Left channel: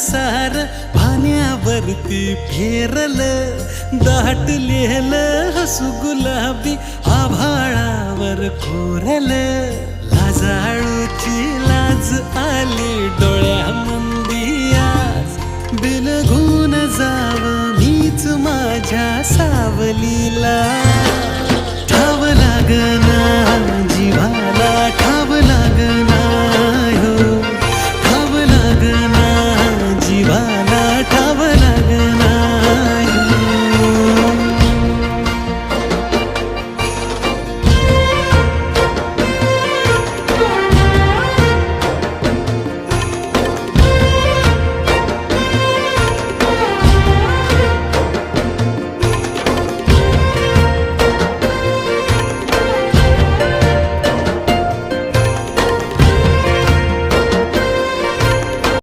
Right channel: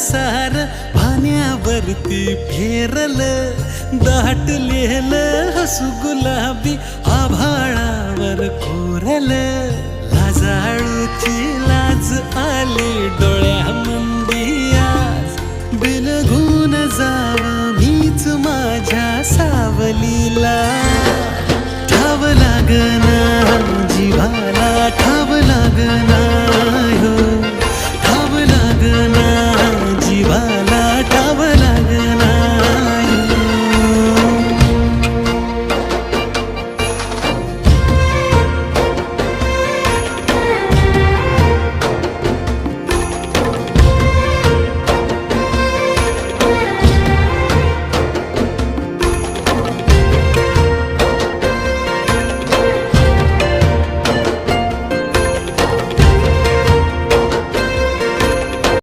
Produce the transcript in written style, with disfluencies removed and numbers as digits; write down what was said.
सार पाण्यावरती फेरलं, दाटलेलं हसू गुलाबी आभाळावर कोरलं. लाजाळूची लाज आली डोळ्यामंदी आज, बिलगून जाव मीच माझ्या सावलीला. ठाव लागना जीवाला, ठाव लागना